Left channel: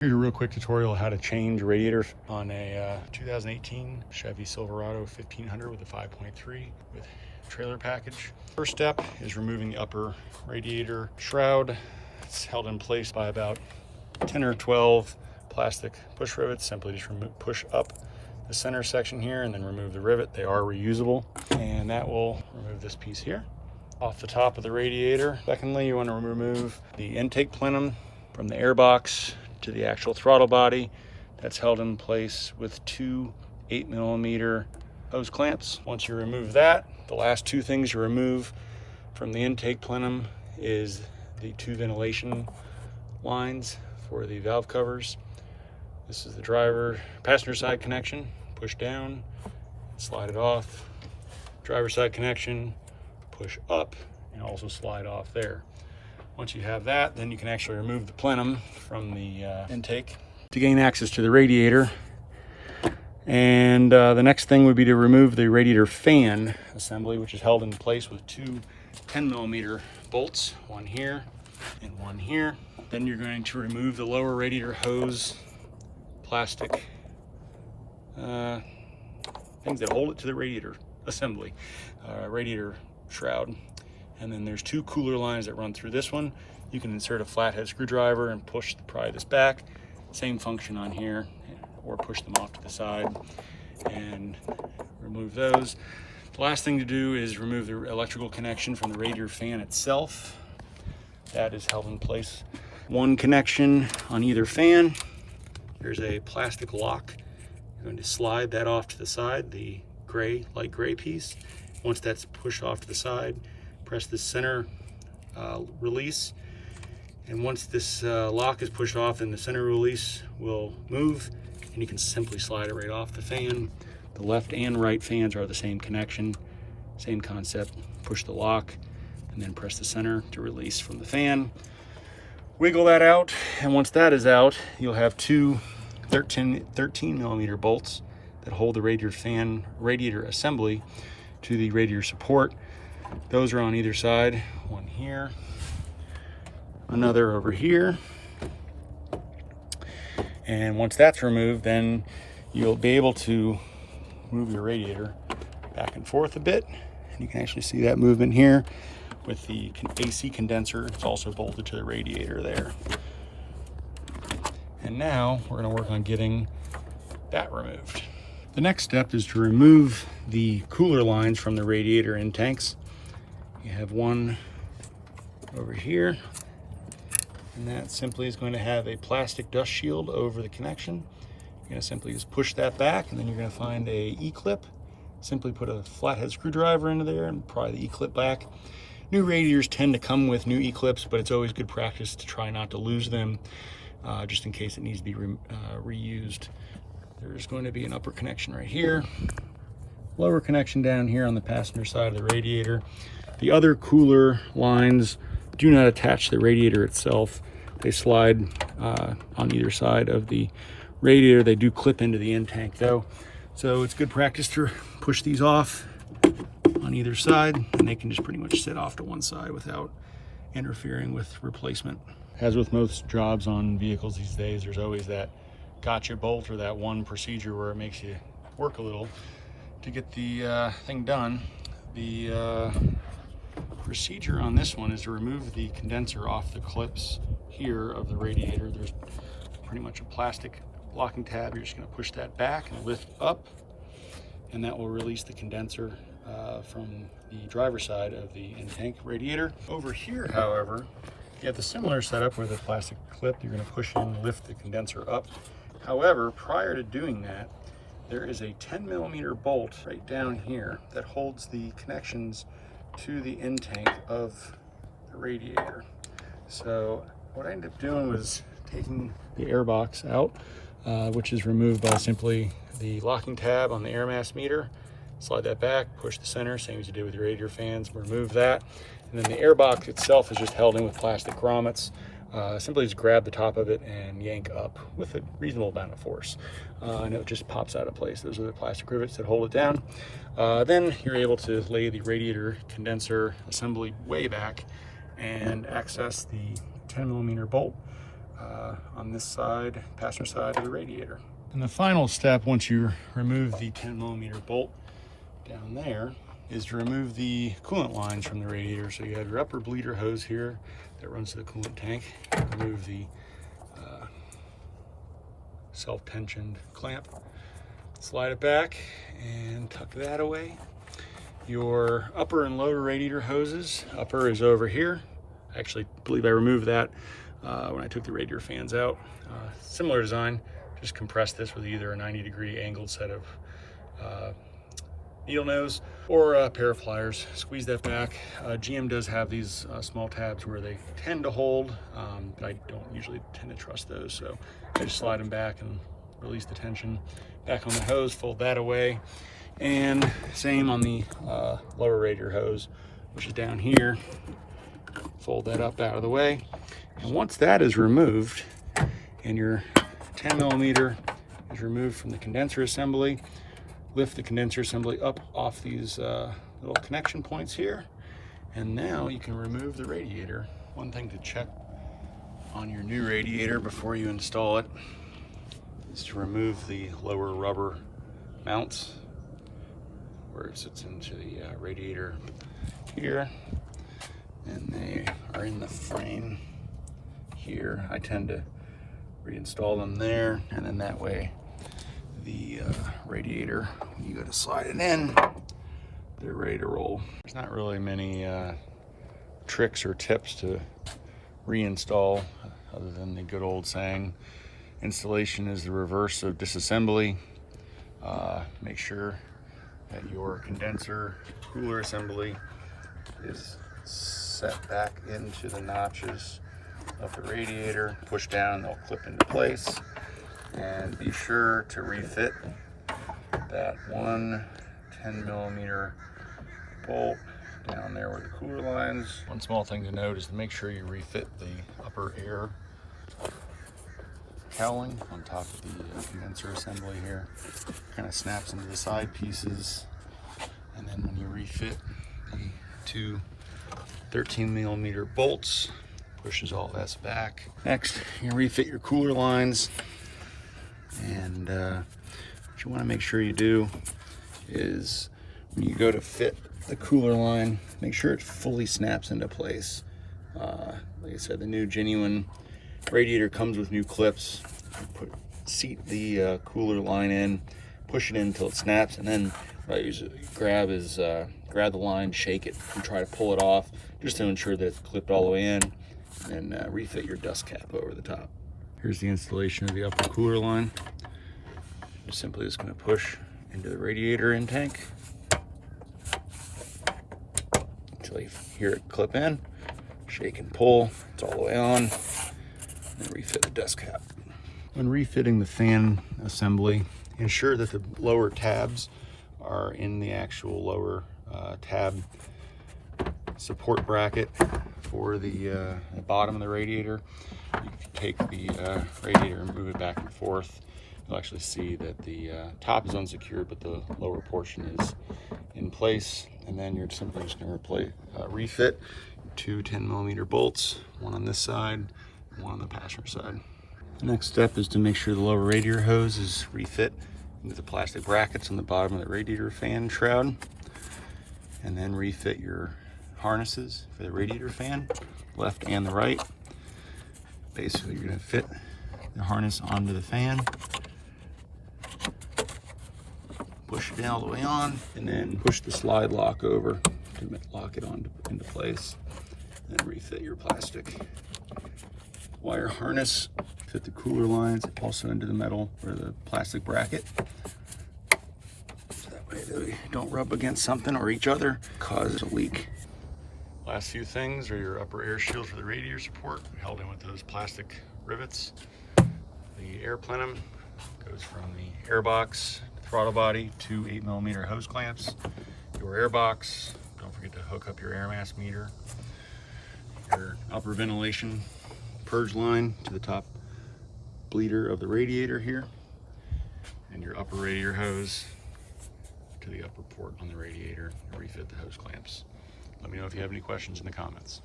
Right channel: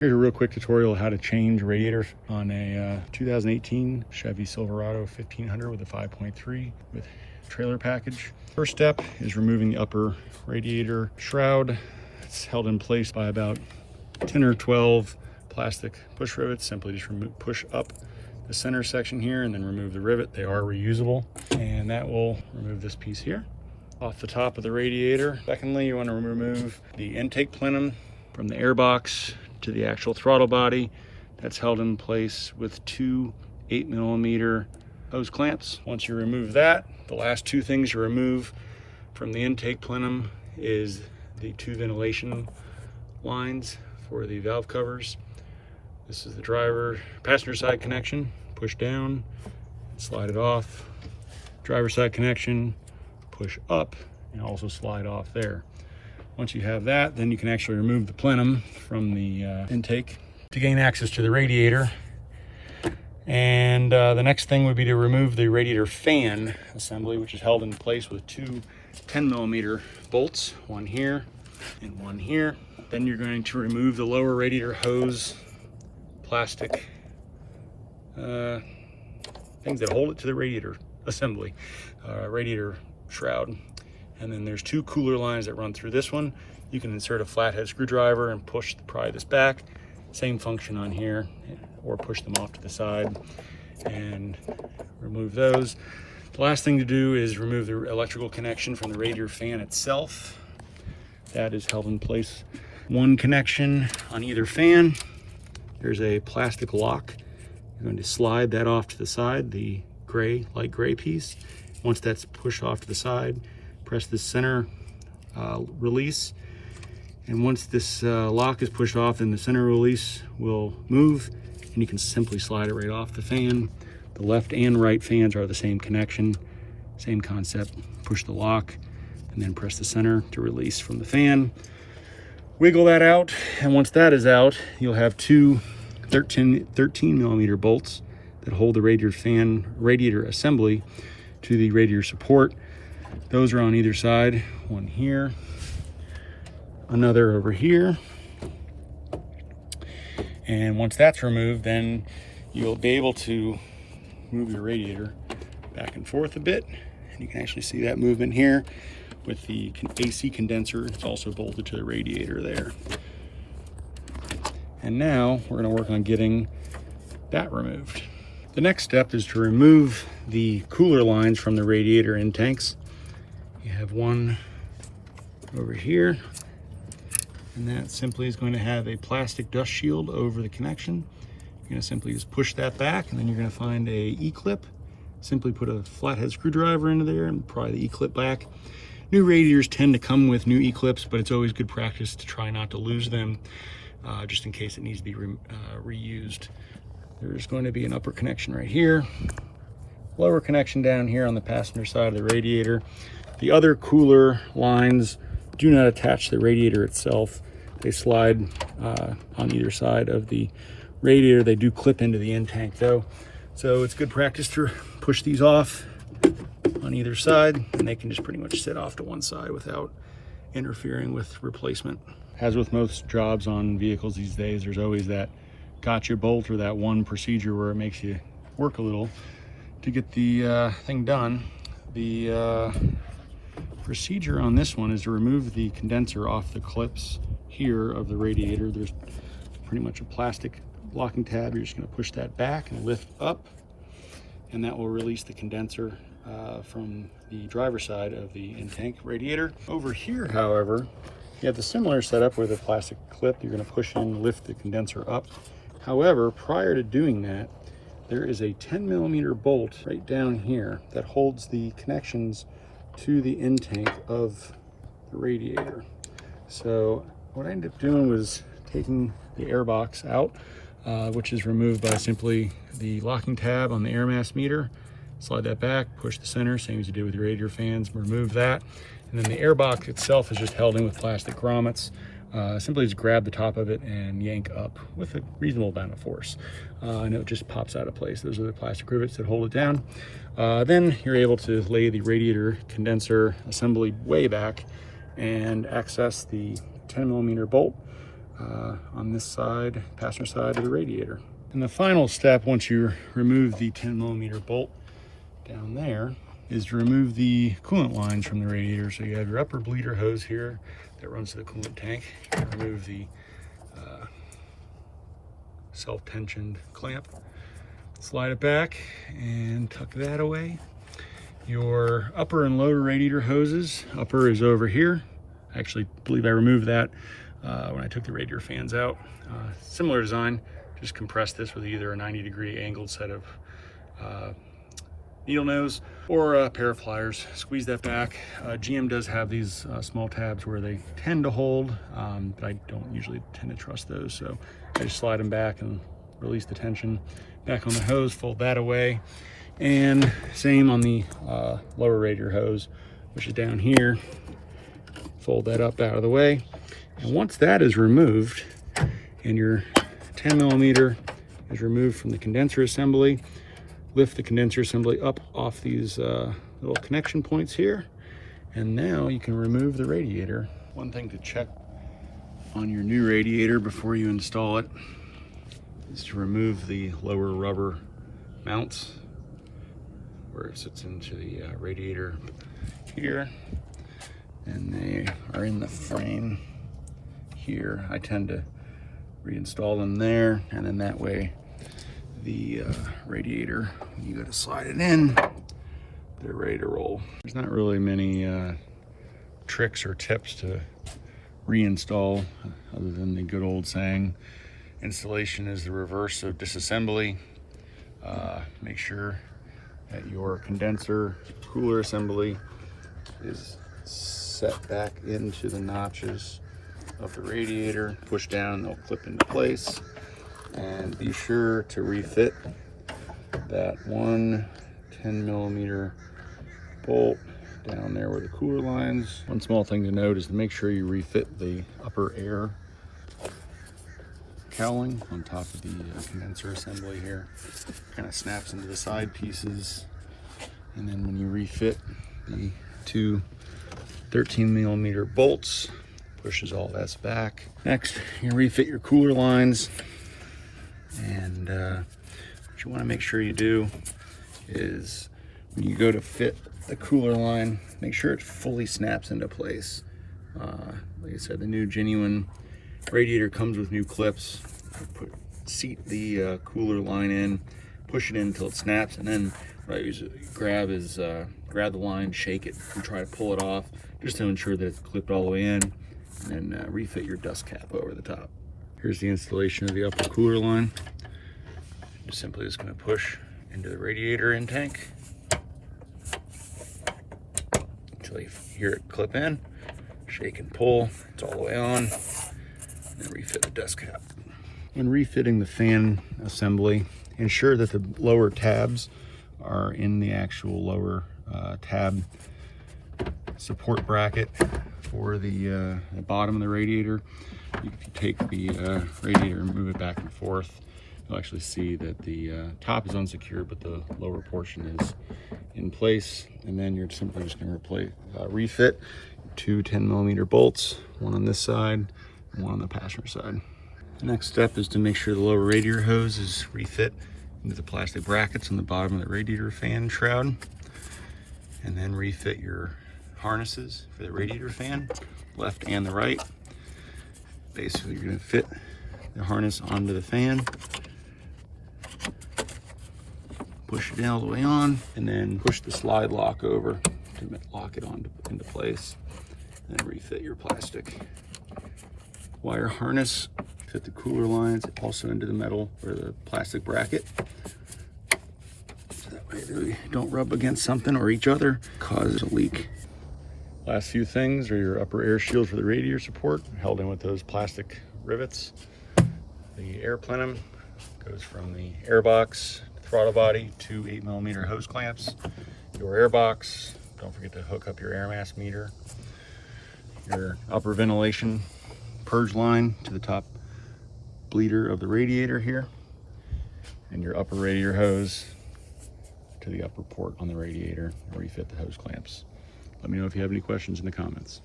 Here's a real quick tutorial how to change radiators on a 2018 Chevy Silverado 1500 with a 5.3 with trailer package. First step is removing the upper radiator shroud. It's held in place by about 10 or 12 plastic push rivets. Simply just push up the center section here and then remove the rivet. They are reusable, and that will remove this piece here off the top of the radiator. Secondly, you want to remove the intake plenum from the air box to the actual throttle body. That's held in place with two 8mm hose clamps. Once you remove that, the last two things you remove from the intake plenum is the two ventilation lines for the valve covers. This is the passenger side connection. Push down, slide it off. Driver side connection, push up, and also slide off there. Once you have that, then you can actually remove the plenum from the intake to gain access to the radiator. And the next thing would be to remove the radiator fan assembly, which is held in place with two 10mm bolts, one here and one here. Then you're going to remove the lower radiator hose plastic things that hold it to the radiator assembly, radiator shroud. And then there's two cooler lines that run through this one. You can insert a flathead screwdriver and pry this back. Same function on here, or push them off to the side and remove those. The last thing to do is remove the electrical connection from the radiator fan itself. That is held in place. One connection on either fan. There's a plastic lock. You're going to slide that off to the side, the light gray piece. Once that's pushed off to the side, press the center release, and once this lock is pushed off, then the center release will move, and you can simply slide it right off the fan. The left and right fans are the same connection, same concept. Push the lock and then press the center to release from the fan. Wiggle that out, and once that is out, you'll have two 13mm bolts that hold the radiator assembly to the radiator support. Those are on either side, one here, another over here. And once that's removed, then you'll be able to move your radiator back and forth a bit. And you can actually see that movement here with the AC condenser. It's also bolted to the radiator there. And now we're going to work on getting that removed. The next step is to remove the cooler lines from the radiator in tanks. You have one over here, and that simply is going to have a plastic dust shield over the connection. You're going to simply just push that back, and then you're going to find a E-clip. Simply put a flathead screwdriver into there and pry the E-clip back. New radiators tend to come with new E-clips, but it's always good practice to try not to lose them, just in case it needs to be reused. There's going to be an upper connection right here, lower connection down here on the passenger side of the radiator. The other cooler lines do not attach to the radiator itself. They slide on either side of the radiator. They do clip into the in-tank though. So it's good practice to push these off on either side, and they can just pretty much sit off to one side without interfering with replacement. As with most jobs on vehicles these days, there's always that gotcha bolt or that one procedure where it makes you work a little to get the thing done. The procedure on this one is to remove the condenser off the clips here of the radiator. There's pretty much a plastic blocking tab. You're just going to push that back and lift up, and that will release the condenser from the driver's side of the in-tank radiator. Over here, however, you have the similar setup where the plastic clip, you're going to push in, lift the condenser up. However, prior to doing that, there is a 10mm bolt right down here that holds the connections to the intake of the radiator. So what I ended up doing was taking the air box out, which is removed by simply the locking tab on the air mass meter. Slide that back, push the center, same as you did with your radiator fans, remove that. And then the air box itself is just held in with plastic grommets. Simply just grab the top of it and yank up with a reasonable amount of force. And it just pops out of place. Those are the plastic rivets that hold it down. Then you're able to lay the radiator condenser assembly way back and access the 10mm bolt on this side, passenger side of the radiator. And the final step, once you remove the 10mm bolt down there, is to remove the coolant lines from the radiator. So you have your upper bleeder hose here that runs to the coolant tank. Remove the self-tensioned clamp, slide it back and tuck that away. Your upper and lower radiator hoses, upper is over here. I actually believe I removed that when I took the radiator fans out. Similar design, just compress this with either a 90-degree angled set of needle nose or a pair of pliers. Squeeze that back. GM does have these small tabs where they tend to hold, but I don't usually tend to trust those. So I just slide them back and release the tension back on the hose, fold that away. And same on the lower radiator hose, which is down here. Fold that up out of the way. And once that is removed and your 10mm is removed from the condenser assembly, lift the condenser assembly up off these little connection points here, and now you can remove the radiator. One thing to check on your new radiator before you install it is to remove the lower rubber mounts where it sits into the radiator here, and they are in the frame here. I tend to reinstall them there, and then that way the radiator, when you go to slide it in, they're ready to roll. There's not really many tricks or tips to reinstall other than the good old saying, installation is the reverse of disassembly. Make sure that your condenser cooler assembly is set back into the notches of the radiator. Push down, they'll clip into place. And be sure to refit that one 10mm bolt down there where the cooler lines. One small thing to note is to make sure you refit the upper air cowling on top of the condenser assembly here. Kind of snaps into the side pieces, and then when we refit the two 13mm bolts, pushes all this back. Next, you refit your cooler lines, and what you want to make sure you do is when you go to fit the cooler line, make sure it fully snaps into place. Like I said, the new genuine radiator comes with new clips. Seat the cooler line in, push it in until it snaps, and then what I usually grab the line, shake it, and try to pull it off just to ensure that it's clipped all the way in, and refit your dust cap over the top. Here's the installation of the upper cooler line. You're simply just going to push into the radiator in tank until you hear it clip in, shake and pull, it's all the way on, and refit the dust cap. When refitting the fan assembly, ensure that the lower tabs are in the actual lower tab support bracket for the bottom of the radiator. If you take the radiator and move it back and forth, you'll actually see that the top is unsecured, but the lower portion is in place. And then you're simply just going to refit two 10mm bolts, one on this side and one on the passenger side. The next step is to make sure the lower radiator hose is refit into the plastic brackets on the bottom of the radiator fan shroud, and then refit your harnesses for the radiator fan, left and the right. Basically, you're going to fit the harness onto the fan, push it all the way on, and then push the slide lock over to lock it into place, and then refit your plastic wire harness. Fit the cooler lines also into the metal or the plastic bracket, so that way they don't rub against something or each other, cause a leak. Last few things are your upper air shield for the radiator support, held in with those plastic rivets. The air plenum goes from the air box, throttle body, to 8mm hose clamps. Your air box, don't forget to hook up your air mass meter. Your upper ventilation purge line to the top bleeder of the radiator here, and your upper radiator hose to the upper port on the radiator, and refit the hose clamps. Let me know if you have any questions in the comments.